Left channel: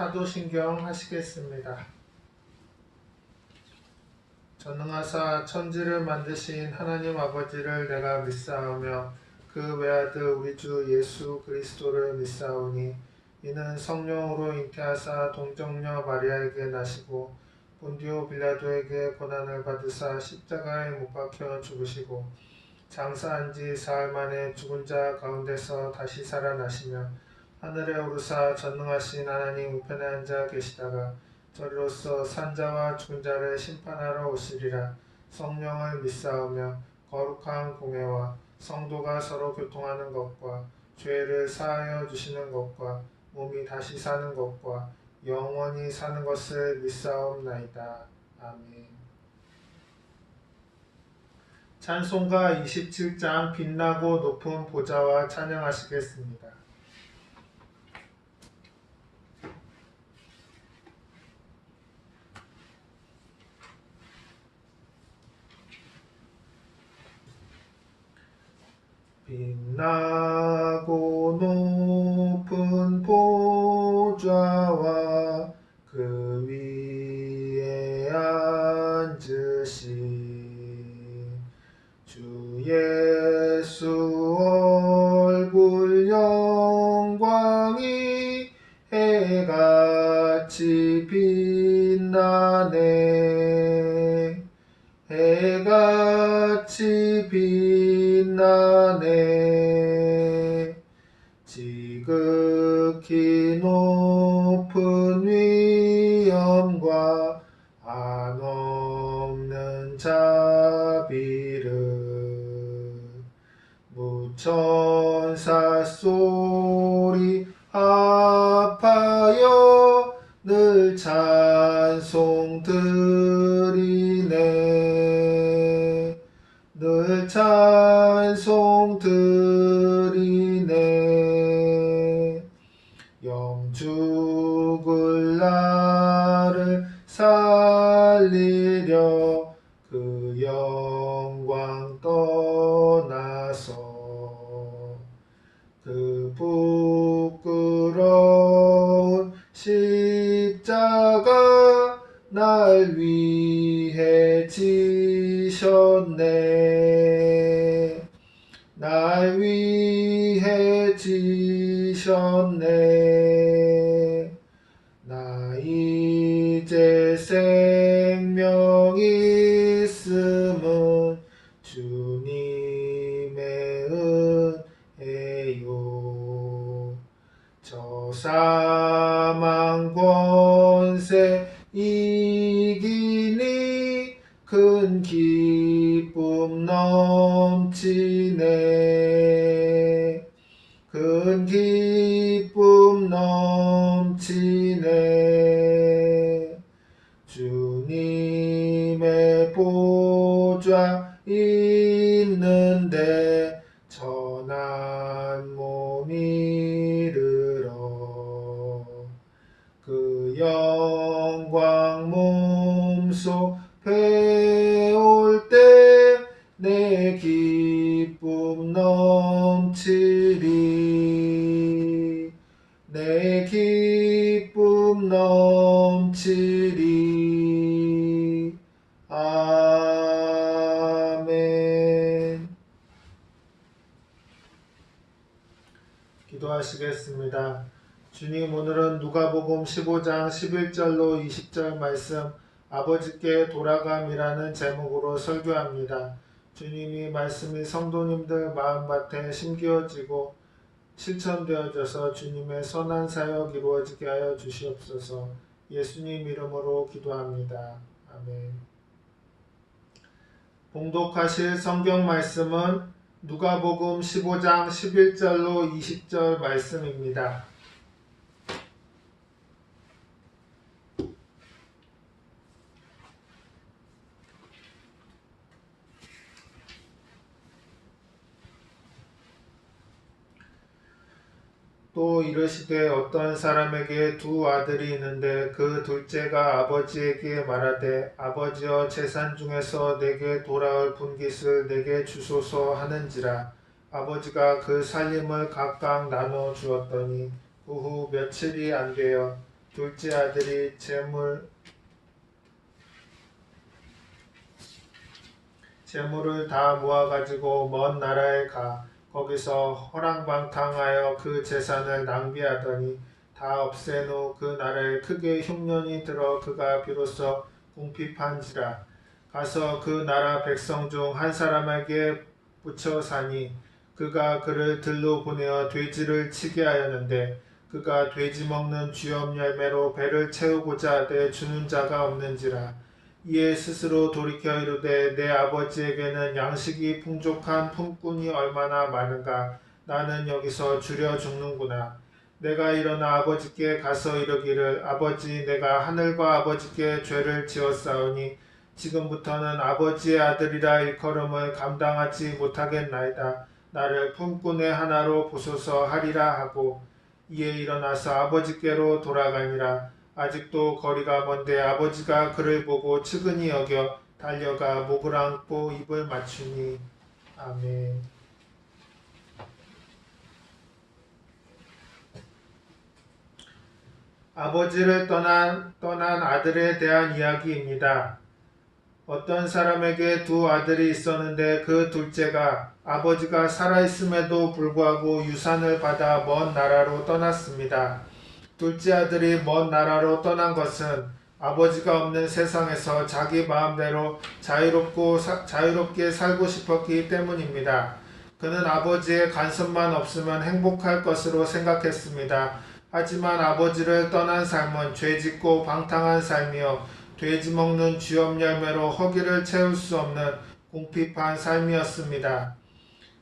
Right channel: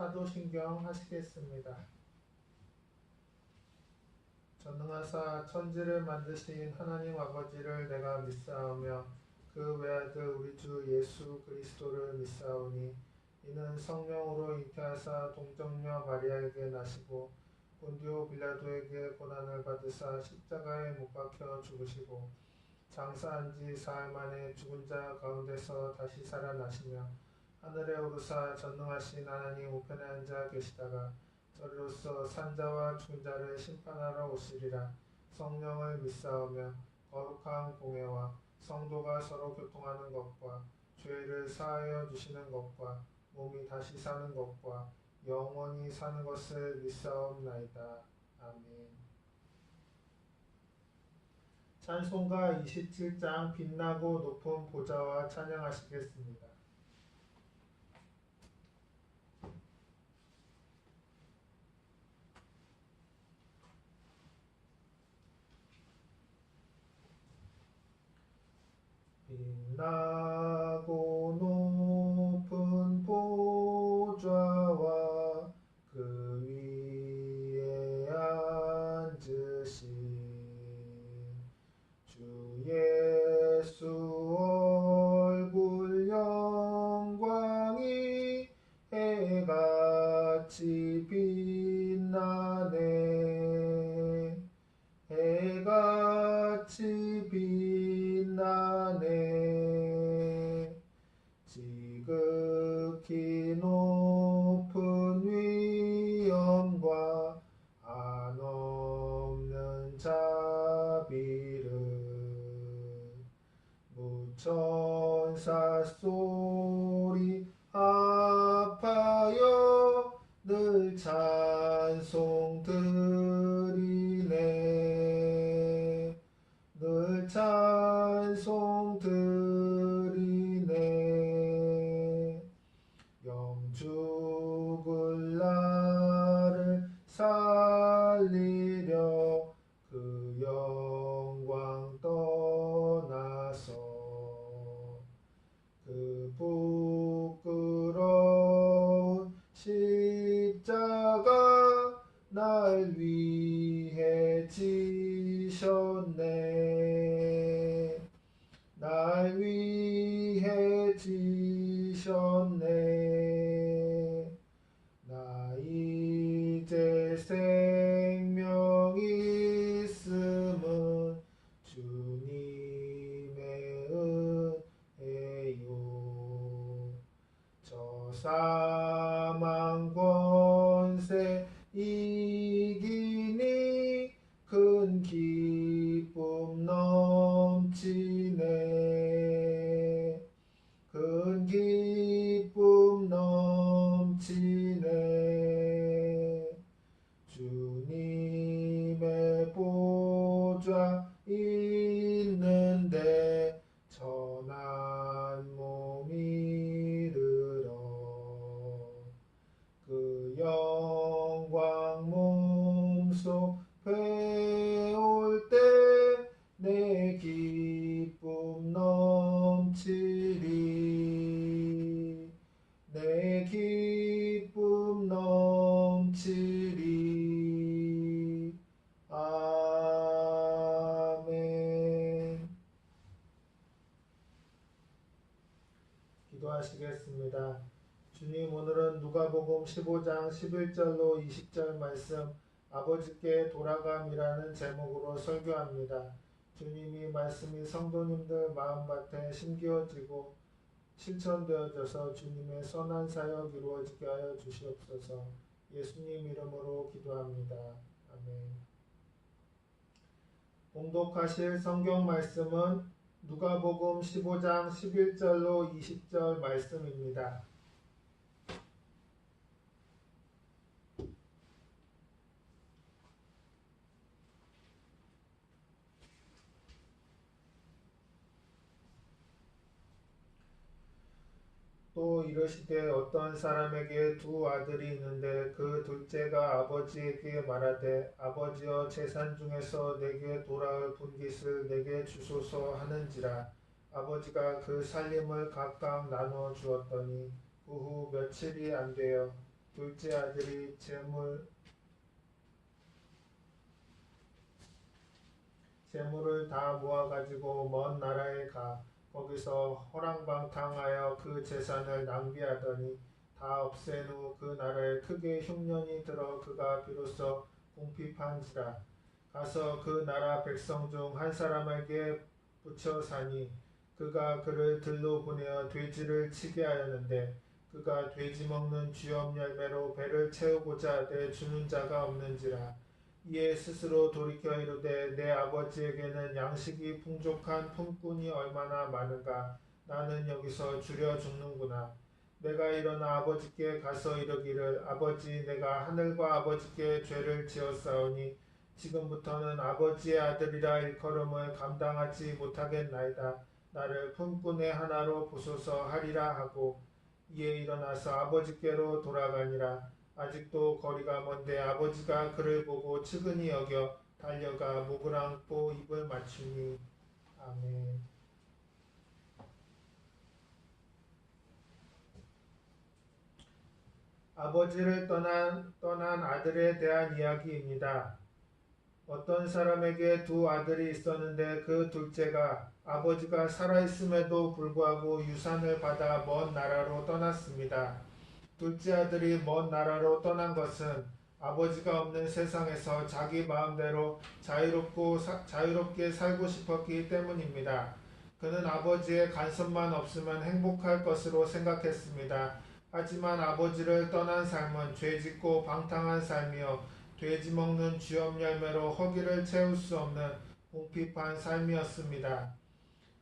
사도신경 하시겠습니다. 전능하사 천지를 만드신 하나님 아버지를 내가 믿사오며 그 외아들 우리 주 예수 그리스도를 믿사오니 이는 성령으로 잉태하사 동정녀 마리아에게 나시고 본디오 빌라도에게 고난을 받으사 십자가에 못 박혀 죽으시고 장사한 지 사흘 만에 죽은 자 가운데서 다시 살아나시며 하늘에 오르사 전능하신 하나님 우편에 앉아 계시다가 저리로서 산자와 죽은 자를 심판하러 오시리라. 성령을 믿사오며 거룩한 공회와 성도가 서로 교통하는 것과 죄를 사하여 주시는 것과 몸이 다시 사는 것과 영원히 사는 것을 믿사옵나이다. 아멘. 찬송가 27장 빛나고 높은 보좌와 찬양하시겠습니다. 빛나고 높은 보좌와 그 위에 앉으신 주 예수 얼굴 영광이 해같이 빛나네. 해같이 빛나네. 지극히 높은 위엄과 한없는 자비를 무천사 소리 합하여 늘 찬송 드리네. 늘 찬송 드리네. 영죽을 나를 살리려 그 영광 떠나서 그 부끄러운 십자가 날 위해 지셨네. 날 위해 지셨네. 나 이제 생명 있음은 주님의 은혜요. 저 사망 권세 이기니 큰 기쁨 넘치네. 큰 기쁨 넘치네. 주님의 보좌 있는데 천한 몸 이르러 그 영광 몸소 배울 때 내 기쁨 넘치리. 내 기쁨 넘치리. 아멘. 기도하시겠습니다. 주님, 오늘은 누가복음 15장 11절로 20절 말씀 아버지께 돌아감이라는 제목으로 설교합니다. 주님이 말씀이 성도님들 마음밭에 심기어지고 실천되어져서 주님의 선한 사역 이루어지게 하여 주시옵소서. 예수님 이름으로 기도합니다. 아멘. 봉독하실 성경 말씀은 누가복음 15장 11절로 20절 말씀입니다. 또 이르시되 어떤 사람에게 두 아들이 있는데 그 둘째가 아버지에게 말하되 아버지여 재산 중에서 내게 돌아올 분깃을 내게 주소서 하는지라. 아버지가 그 살림을 각각 나눠 주었더니 그 후 며칠이 안 되어 둘째 아들이 재물을 다 모아가지고 먼 나라에 가 거기서 허랑방탕하여 그 재산을 낭비하더니 다 없앤 후 그 나라에 크게 흉년이 들어 그가 비로소 궁핍한지라. 가서 그 나라 백성 중 한 사람에게 붙여 사니 그가 그를 들로 보내어 돼지를 치게 하였는데 그가 돼지 먹는 쥐염 열매로 배를 채우고자 하되 주는 자가 없는지라. 이에 스스로 돌이켜 이르되 내 아버지에게는 양식이 풍족한 품꾼이 얼마나 많은가. 나는 여기서 주려 죽는구나. 내가 일어나 아버지께 가서 이르기를 아버지 내가 하늘과 아버지께 죄를 지었사오니 지금부터는 아버지의 아들이라 일컬음을 감당하지 못하겠나이다. 나를 품꾼의 하나로 보소서 하리라 하고 이에 일어나서 아버지께로 돌아가니라. 아직도 거리가 먼데 아버지가 그를 보고 측은히 여겨 달려가 목을 안고 입을 맞추니. 아멘. 아버지를 떠난 아들에 대한 이야기입니다. 어떤 사람에게 두 아들이 있었는데 그 둘째가 아버지가 살아있음에도 불구하고 유산을 받아 먼 나라로 떠났습니다. 둘째 아들이 먼 나라로 떠난 것은 아버지가 없는 세상에서 자기 마음대로 자유롭게 살고 싶었기 때문입니다. 그는 아버지의 간섭만 없으면 행복할 것으로 생각했습니다. 하지만 아버지를 떠난 삶은 죄짓고 방탕한 삶이요 돼지 먹는 쥐염 열매로 허기를 채울 수 없는 궁핍한 삶이었습니다.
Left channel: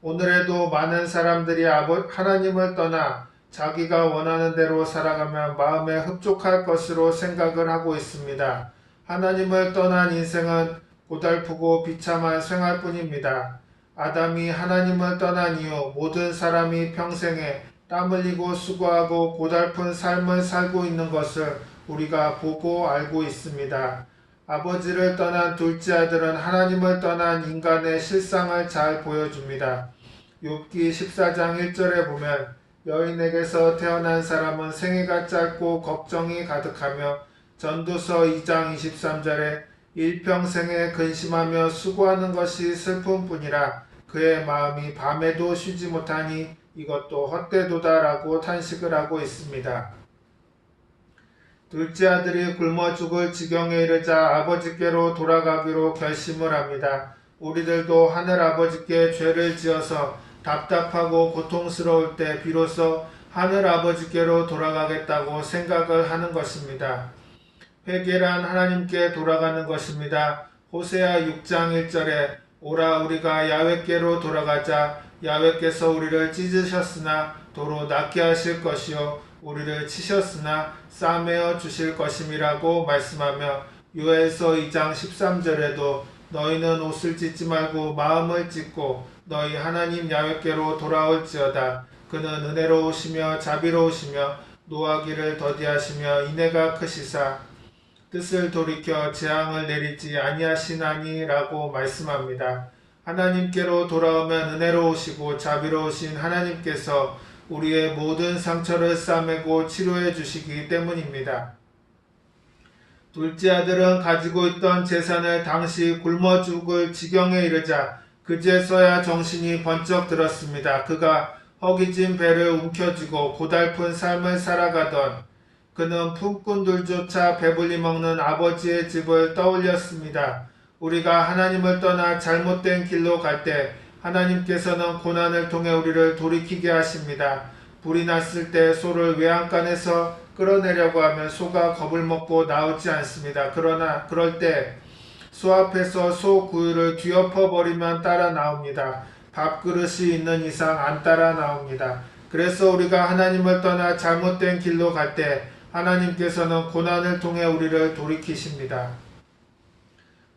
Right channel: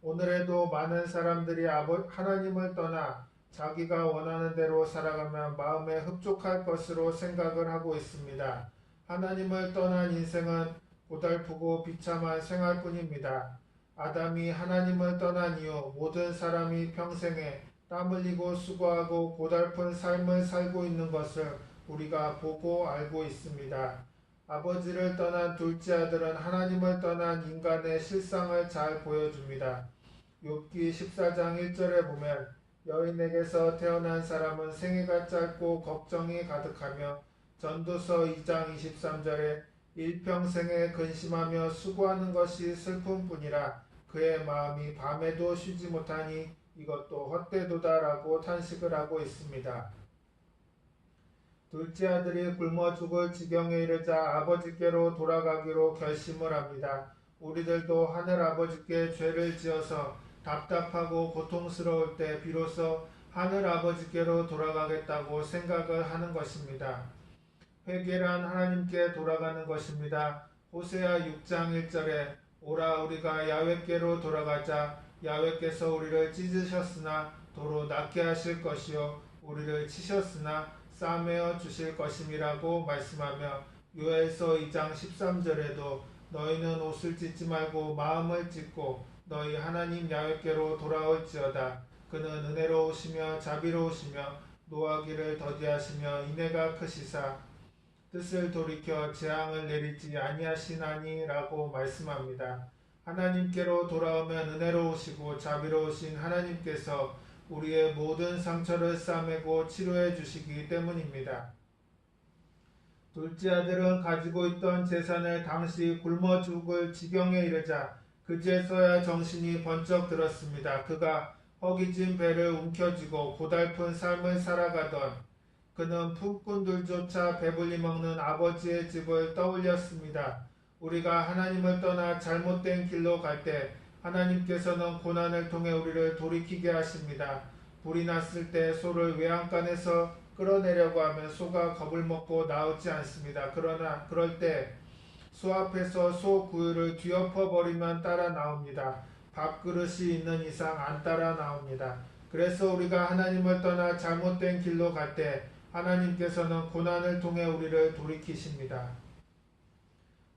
오늘에도 많은 사람들이 하나님을 떠나 자기가 원하는 대로 살아가면 마음에 흡족할 것으로 생각을 하고 있습니다. 하나님을 떠난 인생은 고달프고 비참한 생활뿐입니다. 아담이 하나님을 떠난 이후 모든 사람이 평생에 땀 흘리고 수고하고 고달픈 삶을 살고 있는 것을 우리가 보고 알고 있습니다. 아버지를 떠난 둘째 아들은 하나님을 떠난 인간의 실상을 잘 보여줍니다. 욥기 14장 1절에 보면 여인에게서 태어난 사람은 생애가 짧고 걱정이 가득하며 전도서 2장 23절에 일평생에 근심하며 수고하는 것이 슬픔뿐이라 그의 마음이 밤에도 쉬지 못하니 이것도 헛되도다라고 탄식을 하고 있습니다. 둘째 아들이 굶어 죽을 지경에 이르자 아버지께로 돌아가기로 결심을 합니다. 우리들도 하늘아버지께 죄를 지어서 답답하고 고통스러울 때 비로소 하늘아버지께로 돌아가겠다고 생각을 하는 것입니다. 회개란 하나님께 돌아가는 것입니다. 호세아 6장 1절에 오라 우리가 야훼께로 돌아가자. 야훼께서 우리를 찢으셨으나 도로 낫게 하실 것이요 우리를 치셨으나 싸매어 주실 것임이라고 말씀하며 요엘서 2장 13절에도 너희는 옷을 찢지 말고 마음을 찢고 너희 하나님 야훼께로 돌아올지어다. 그는 은혜로우시며 자비로우시며 노하기를 더디하시며 인애가 크시사 뜻을 돌이켜 재앙을 내리지 아니하시나니라고 말씀합니다. 하나님께로 돌아오면 은혜로우시고 자비로우신 하나님께서 우리의 모든 상처를 싸매고 치료해 주시기 때문입니다. 둘째 아들은 가지고 있던 재산을 당시 굶어 죽을 지경에 이르자 그제서야 정신이 번쩍 들었습니다. 그가 허기진 배를 움켜쥐고 고달픈 삶을 살아가던 그는 품꾼들조차 배불리 먹는 아버지의 집을 떠올렸습니다. 우리가 하나님을 떠나 잘못된 길로 갈 때 하나님께서는 고난을 통해 우리를 돌이키게 하십니다. 불이 났을 때 소를 외양간에서 끌어내려고 하면 소가 겁을 먹고 나오지 않습니다. 그러나 그럴 때 소 앞에서 소 구유를 뒤엎어 버리면 따라 나옵니다. 밥그릇이 있는 이상 안 따라 나옵니다. 그래서 우리가 하나님을 떠나 잘못된 길로 갈 때 하나님께서는 고난을 통해 우리를 돌이키십니다.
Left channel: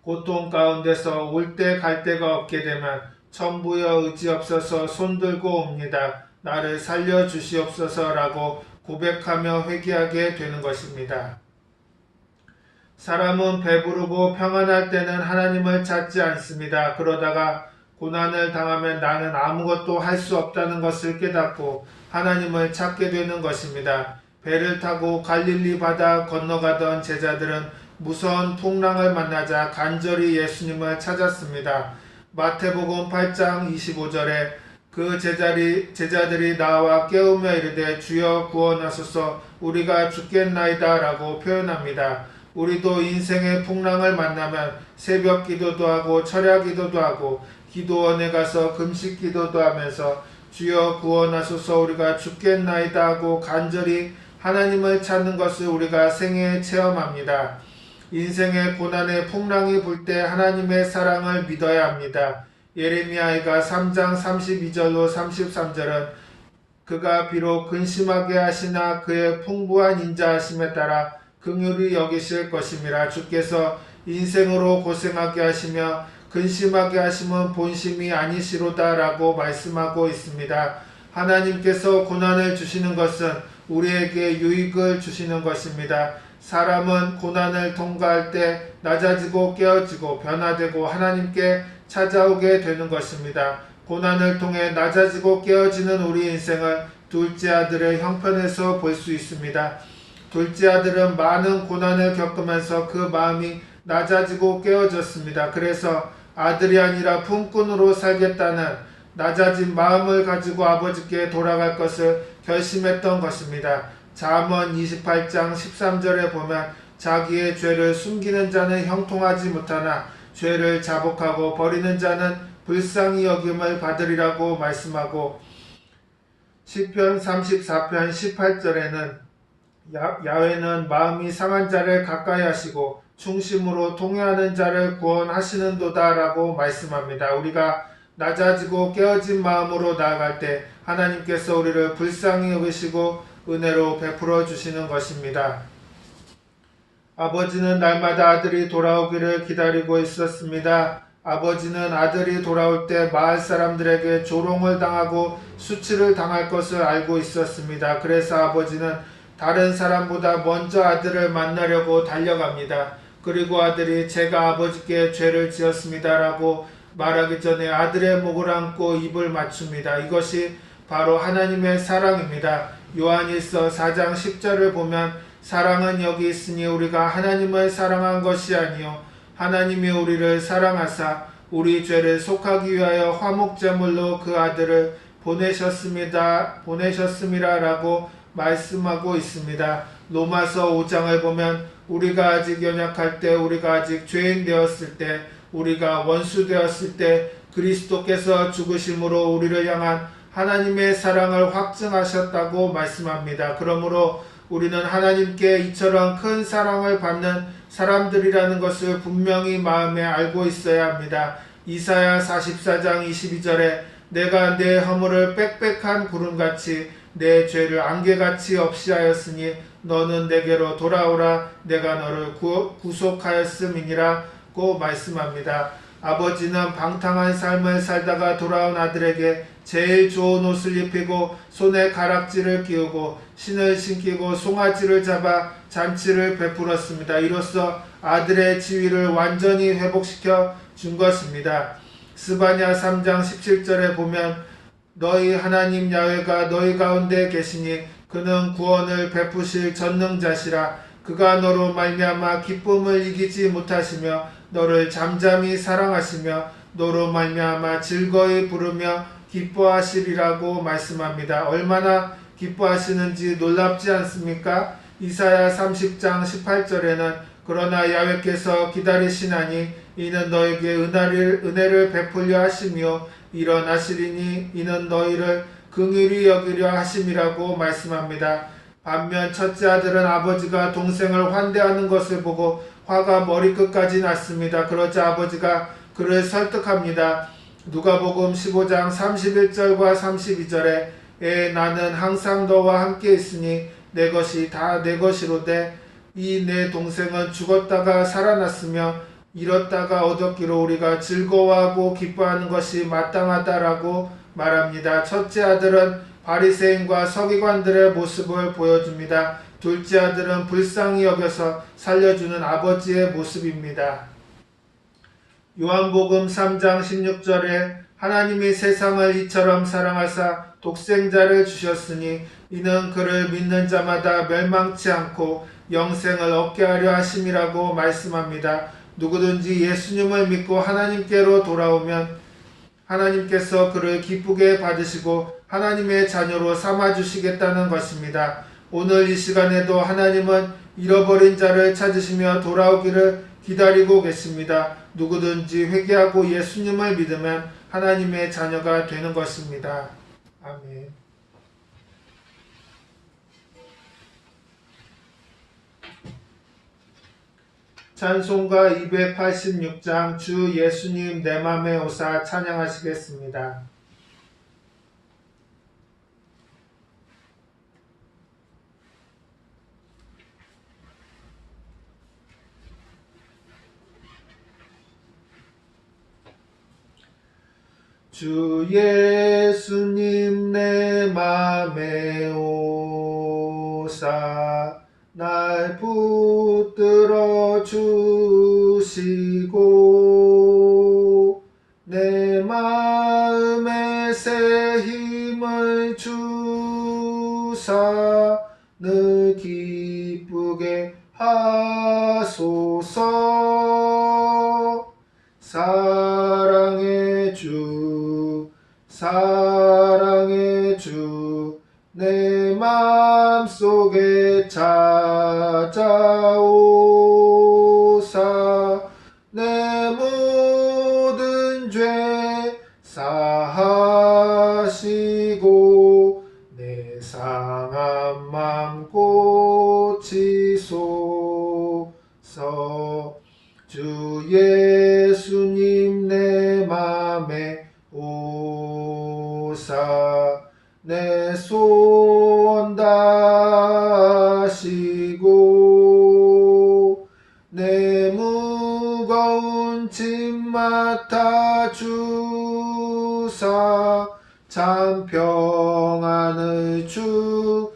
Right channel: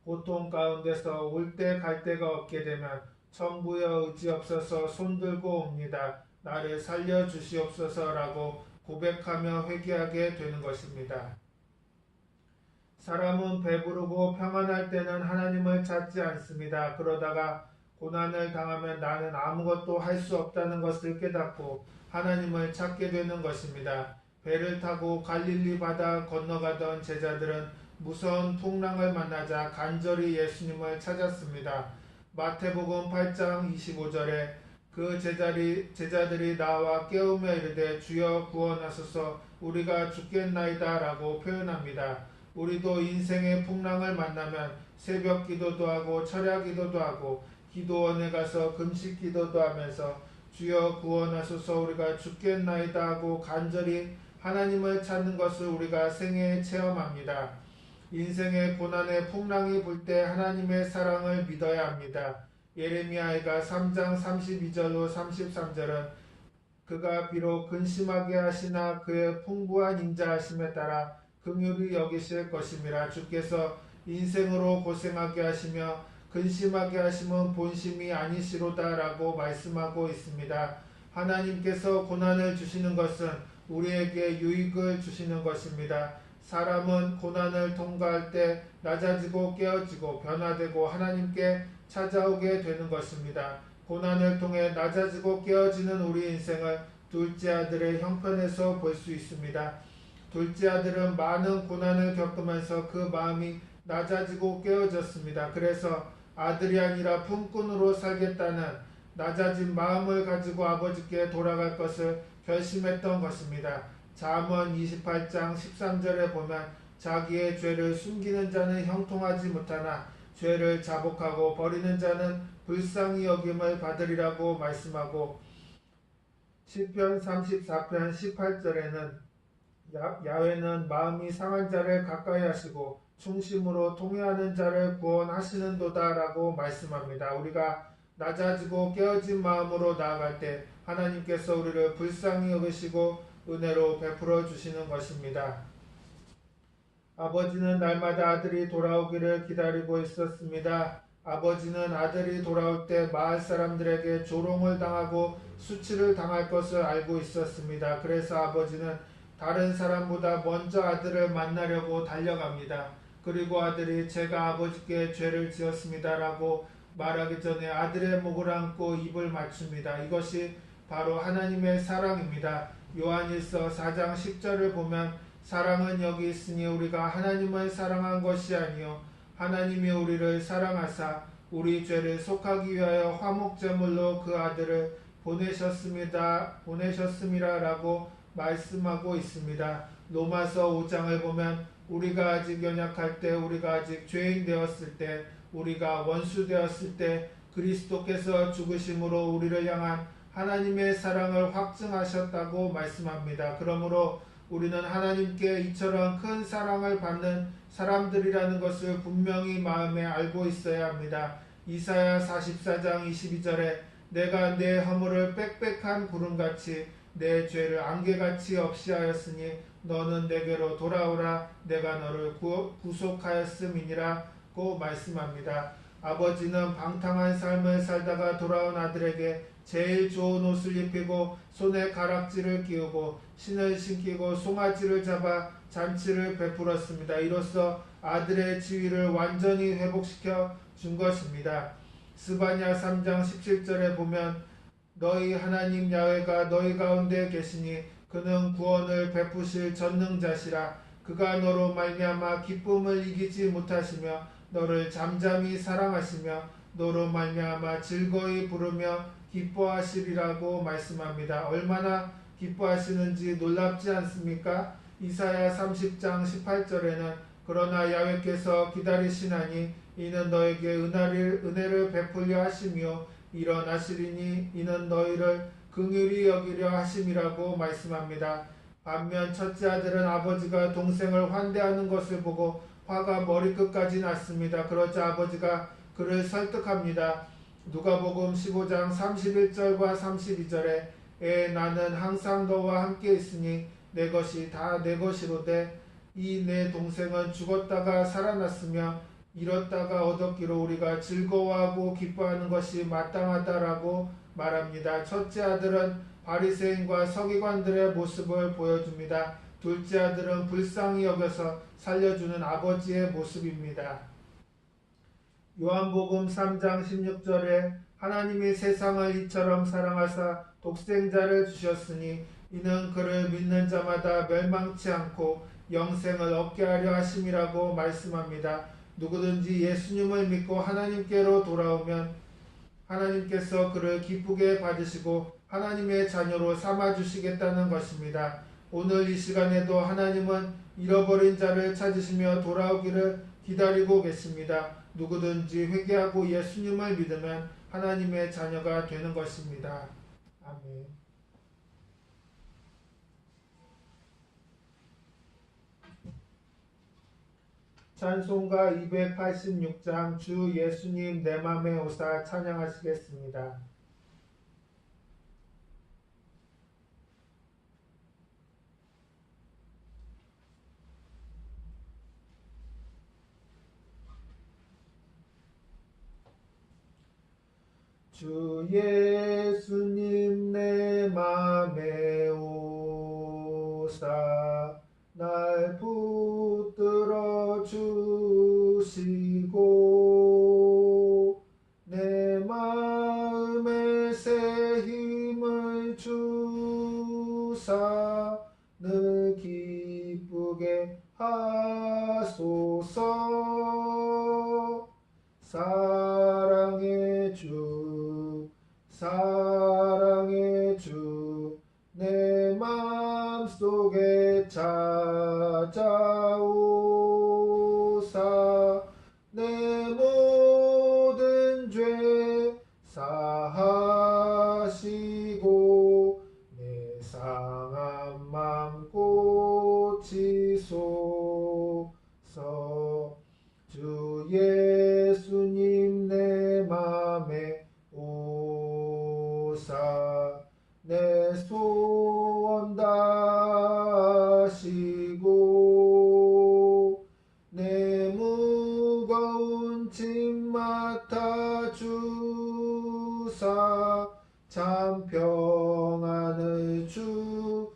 고통 가운데서 올 때 갈 데가 없게 되면 천부여 의지 없어서 손들고 옵니다. 나를 살려주시옵소서라고 고백하며 회개하게 되는 것입니다. 사람은 배부르고 평안할 때는 하나님을 찾지 않습니다. 그러다가 고난을 당하면 나는 아무것도 할 수 없다는 것을 깨닫고 하나님을 찾게 되는 것입니다. 배를 타고 갈릴리 바다 건너가던 제자들은 무서운 풍랑을 만나자 간절히 예수님을 찾았습니다. 마태복음 8장 25절에 그 제자들이 나와 깨우며 이르되 주여 구원하소서 우리가 죽겠나이다 라고 표현합니다. 우리도 인생의 풍랑을 만나면 새벽 기도도 하고 철야 기도도 하고 기도원에 가서 금식 기도도 하면서 주여 구원하소서 우리가 죽겠나이다 하고 간절히 하나님을 찾는 것을 우리가 생애에 체험합니다. 인생의 고난의 풍랑이 불 때 하나님의 사랑을 믿어야 합니다. 예레미야가 3장 32절로 33절은 그가 비록 근심하게 하시나 그의 풍부한 인자하심에 따라 긍휼히 여기실 것임이라. 주께서 인생으로 고생하게 하시며 근심하게 하심은 본심이 아니시로다라고 말씀하고 있습니다. 하나님께서 고난을 주시는 것은 우리에게 유익을 주시는 것입니다. 사람은 고난을 통과할 때 낮아지고 깨어지고 변화되고 하나님께 찾아오게 되는 것입니다. 고난을 통해 낮아지고 깨어지는 우리 인생을 둘째 아들의 형편에서 볼 수 있습니다. 둘째 아들은 많은 고난을 겪으면서 그 마음이 낮아지고 깨어졌습니다. 그래서 아들이 아니라 품꾼으로 살겠다는 낮아진 마음을 가지고 아버지께 돌아갈 것을 결심했던 것입니다. 잠언 28장 13절에 보면 자기의 죄를 숨기는 자는 형통하지 못하나 죄를 자복하고 버리는 자는 불쌍히 여김을 받으리라고 말씀하고 시편 34편 18절에는 야훼는 마음이 상한 자를 가까이 하시고 충심으로 통회하는 자를 구원하시는도다 라고 말씀합니다. 우리가 낮아지고 깨어진 마음으로 나아갈 때 하나님께서 우리를 불쌍히 여기시고 은혜로 베풀어 주시는 것입니다. 아버지는 날마다 아들이 돌아오기를 기다리고 있었습니다. 아버지는 아들이 돌아올 때 마을 사람들에게 조롱을 당하고 수치를 당할 것을 알고 있었습니다. 그래서 아버지는 다른 사람보다 먼저 아들을 만나려고 달려갑니다. 그리고 아들이 제가 아버지께 죄를 지었습니다 라고 말하기 전에 아들의 목을 안고 입을 맞춥니다. 이것이 바로 하나님의 사랑입니다. 요한일서 4장 10절을 보면 사랑은 여기 있으니 우리가 하나님을 사랑한 것이 아니요 하나님이 우리를 사랑하사 우리 죄를 속하기 위하여 화목제물로 그 아들을 보내셨음이라 라고 말씀하고 있습니다. 로마서 5장을 보면 우리가 아직 연약할 때, 우리가 아직 죄인 되었을 때, 우리가 원수 되었을 때 그리스도께서 죽으심으로 우리를 향한 하나님의 사랑을 확증하셨다고 말씀합니다. 그러므로 우리는 하나님께 이처럼 큰 사랑을 받는 사람들이라는 것을 분명히 마음에 알고 있어야 합니다. 이사야 44장 22절에 내가 내 허물을 빽빽한 구름같이 내 죄를 안개같이 없이 하였으니 너는 내게로 돌아오라 내가 너를 구속하였음이니라고 말씀합니다. 아버지는 방탕한 삶을 살다가 돌아온 아들에게 제일 좋은 옷을 입히고 손에 가락지를 끼우고 신을 신기고 송아지를 잡아 잔치를 베풀었습니다. 이로써 아들의 지위를 완전히 회복시켜 준 것입니다. 스바냐 3장 17절에 보면 너희 하나님 야훼가 너희 가운데 계시니 그는 구원을 베푸실 전능자시라. 그가 너로 말미암아 기쁨을 이기지 못하시며 너를 잠잠히 사랑하시며 너로 말미암아 즐거이 부르며 기뻐하시리라고 말씀합니다. 얼마나 기뻐하시는지 놀랍지 않습니까? 이사야 30장 18절에는 그러나 야훼께서 기다리시나니 이는 너에게 은혜를 베풀려 하시며 일어나시리니 이는 너희를 긍휼히 여기려 하심이라고 말씀합니다. 반면 첫째 아들은 아버지가 동생을 환대하는 것을 보고 화가 머리끝까지 났습니다. 그러자 아버지가 그를 설득합니다. 누가복음 15장 31절과 32절에 나는 항상 너와 함께 있으니 내 것이 다 내 것이로되 이 내 동생은 죽었다가 살아났으며 잃었다가 얻었기로 우리가 즐거워하고 기뻐하는 것이 마땅하다라고 말합니다. 첫째 아들은 바리새인과 서기관들의 모습을 보여줍니다. 둘째 아들은 불쌍히 여겨서 살려주는 아버지의 모습입니다. 요한복음 3장 16절에 하나님이 세상을 이처럼 사랑하사 독생자를 주셨으니 이는 그를 믿는 자마다 멸망치 않고 영생을 얻게 하려 하심이라고 말씀합니다. 누구든지 예수님을 믿고 하나님께로 돌아오면 하나님께서 그를 기쁘게 받으시고 하나님의 자녀로 삼아주시겠다는 것입니다. 오늘 이 시간에도 하나님은 잃어버린 자를 찾으시며 돌아오기를 기다리고 계십니다. 누구든지 회개하고 예수님을 믿으면 하나님의 자녀가 되는 것입니다. 아멘. 찬송가 286장 주 예수님 내 맘에 오사 찬양하시겠습니다. 주 예수님 내 맘에 오사 날 붙들어 주시고 내 마음에 새 힘을 주사 늘 기쁘게 하소서. 사랑의 주 사랑의 주 내 맘속에 찾아오사 내 모든 죄 사하시고 내 상한 맘 고치소서. 주 예수님 내 맘에 오사 내 소원 다하시고 내 무거운 짐 맡아 주사 참 평안을 주소서.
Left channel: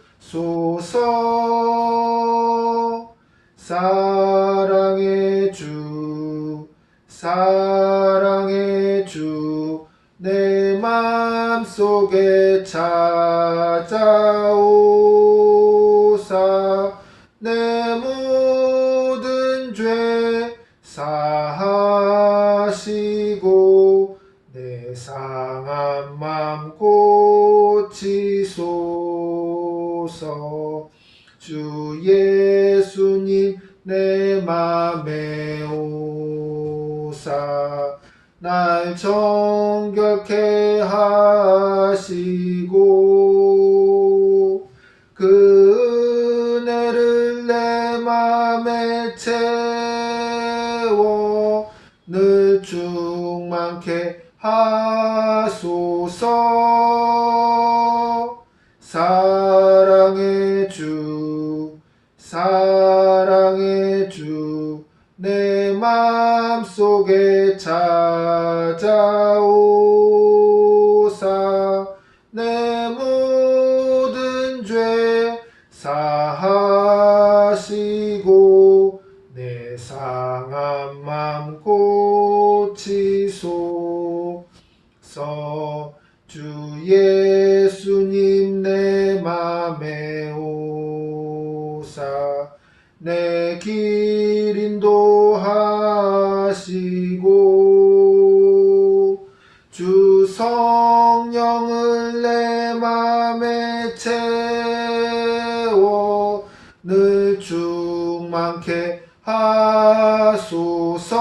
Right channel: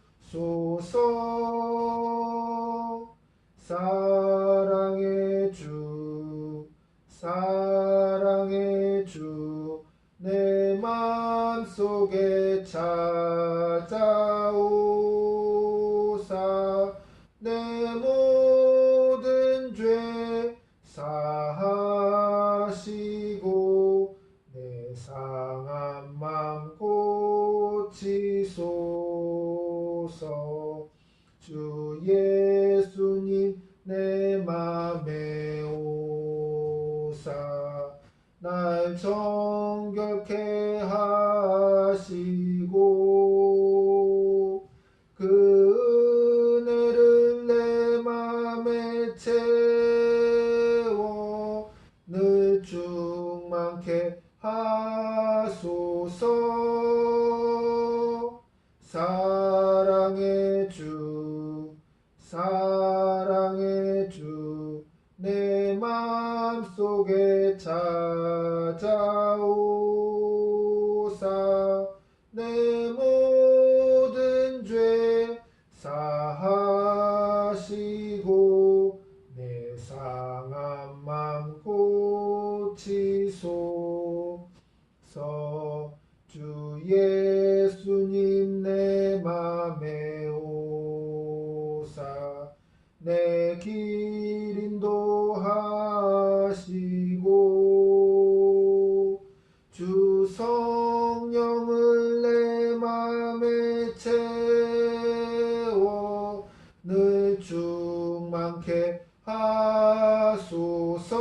사랑의 주 사랑의 주 내 맘속에 찾아오사 내 모든 죄 사하시고 내 상한 맘 고치소서. 주 예수님 내 맘에 오사 날 정결케 하시고 그 은혜를 내 맘에 채워 늘 충만케 하소서. 사랑의 주 사랑의 주 내 맘속에 찾아오사 내 모든 죄 사하시고 내 상한 맘 고치소서. 주 예수님 내 맘에 오사 내 길 인도하시고 주 성령을 내 맘에 채워 늘 충만케 하소서.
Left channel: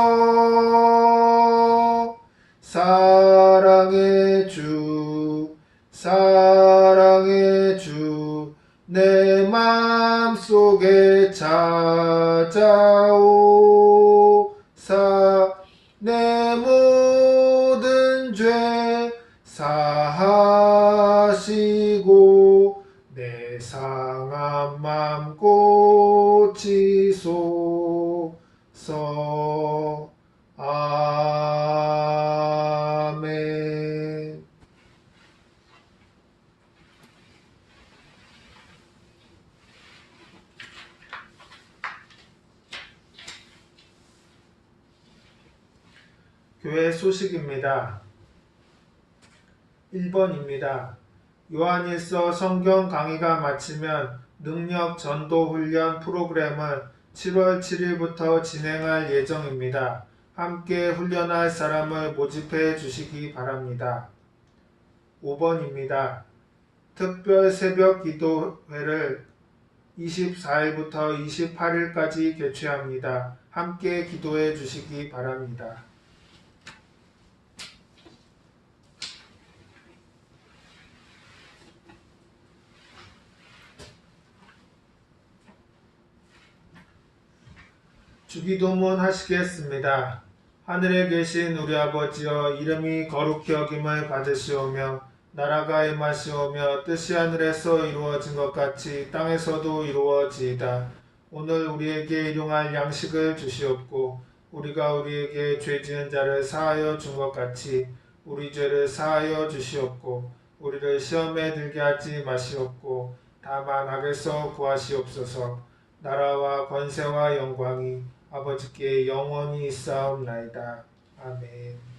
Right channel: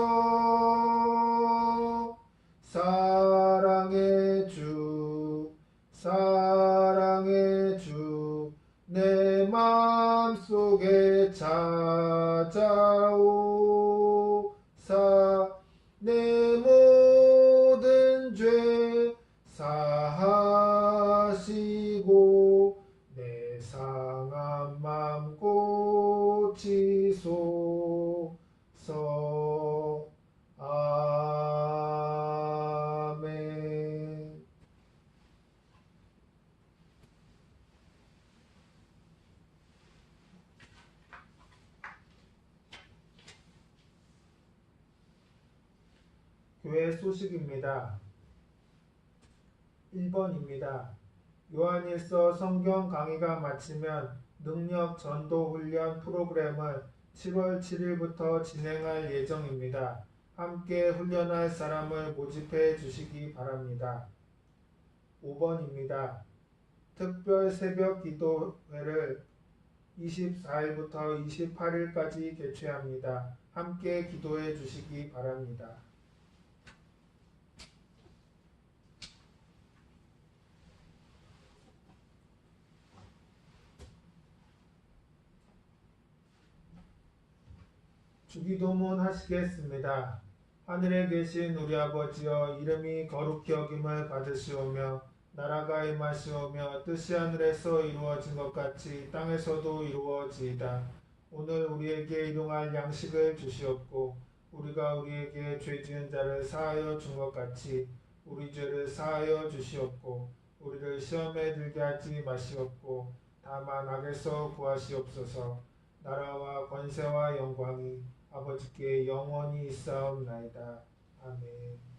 사랑의 주 사랑의 주 내 맘속에 찾아오사 내 모든 죄 사하시고 내 상한 맘 고치소서. 아멘. 교회 소식입니다. 1번입니다. 요한일서 성경 강의가 마치면 능력 전도 훈련 프로그램은 7월 7일부터 진행할 예정입니다. 함께 훈련할 사람을 모집해 주시기 바랍니다. 5번입니다. 특별 새벽 기도회를 24일부터 28일까지 개최합니다. 함께 기도해 주시기 바랍니다. 주기도문 하시겠습니다. 하늘에 계신 우리 아버지여, 이름이 거룩히 여김을 받으시오며 나라가 임하시오며 뜻이 하늘에서 이루어진 것 같이 땅에서도 이루어지이다. 오늘 우리에게 일용할 양식을 주시옵고 우리가 우리에게 죄 지은 자를 사하여 준 것 같이 우리 죄를 사하여 주시옵고 우리를 시험에 들게 하지 마시옵고 다만 악에서 구하시옵소서. 나라와 권세와 영광이 아버지께 영원히 있사옵나이다. 아멘.